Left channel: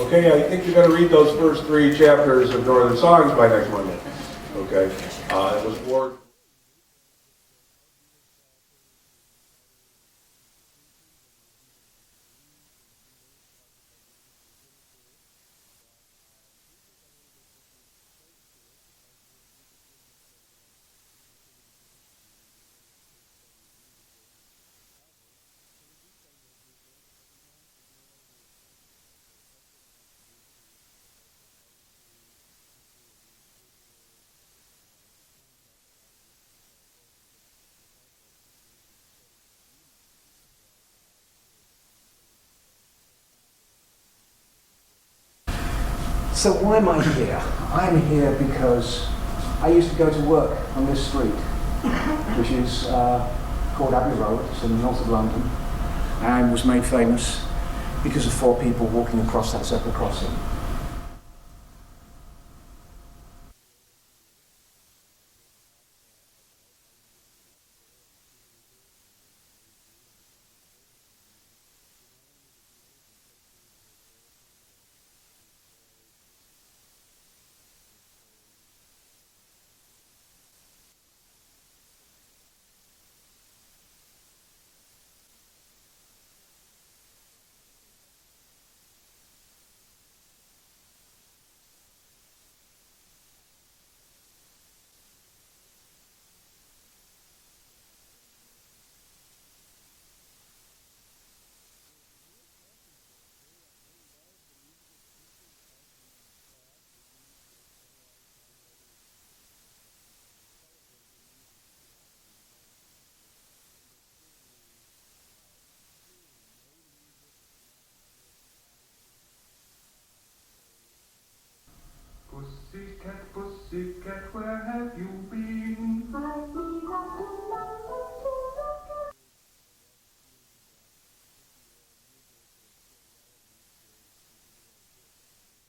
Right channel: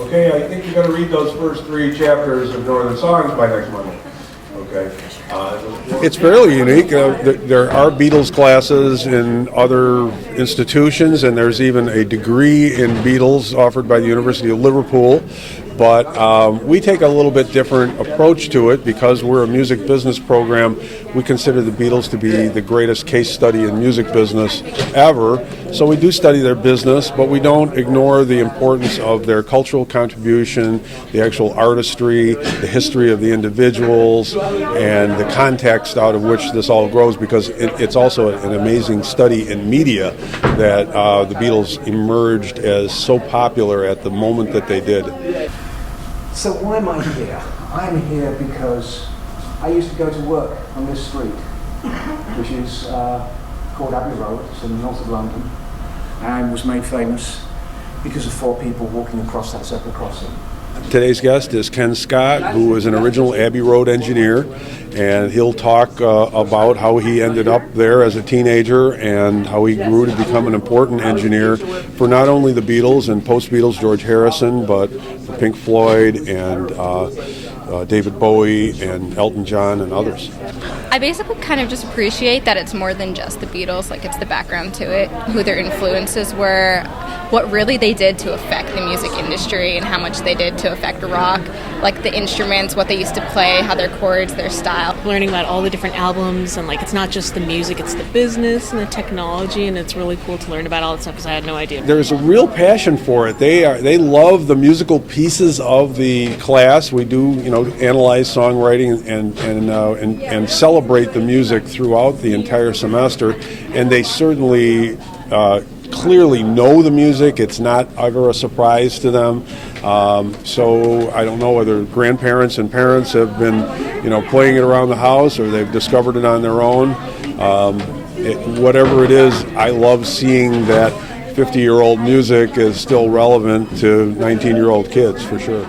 Okay, I think you're going to read those first 3 chapters of Northern Songs by next Monday. Okay. It's fairly unique. There are Beatles classes in other institutions, and there's even a degree in Beatles offered by the University of Liverpool. But we take a little bit different approach to it because we're a music business program. We consider the Beatles to be the greatest case study in music business ever. So we do study their business, but we don't ignore the importance of their cultural contribution, the actual artistry, the history of the individuals, and the context out of which this all grows, because it's also an amazing study in media that the Beatles emerged as so popular at the moment that they did. So why am I here? I'm here because I used to go to work on this street, which is called Abbey Road. It's in the north of London, and was made famous because of 4 people walking across that zebra crossing. Today's guest is Ken Scott, who was an original Abbey Road engineer, and he'll talk about how he ended up there as a teenager and how he grew to become an important engineer for not only the Beatles and post-Beatles George Harrison, but for Pink Floyd and David Bowie and Elton John and others. I basically kind of just appreciate that it's more than just the Beatles, like it's the background to it, who their influences were, what really they did to affect the music industry and how much they did to affect rock, like the instruments, what they used to play, how their chords, their style. Learning about all the different albums, and like it's not just the music, it's the business and the technology, and it's really cool to learn about all that stuff because I had no idea. There's a real passion for it. They love the musical pieces of the class. We do, analyze songwriting and celebrate the music throughout the entire semester, and they certainly clearly know the music. It's not ever a surprise to them. So I don't know whether grandparents and parents have been, playing it around the house or they've discovered it on their own. Whatever it is, I love seeing that 50-year-old music is still relevant to 19-year-old kids, for sure.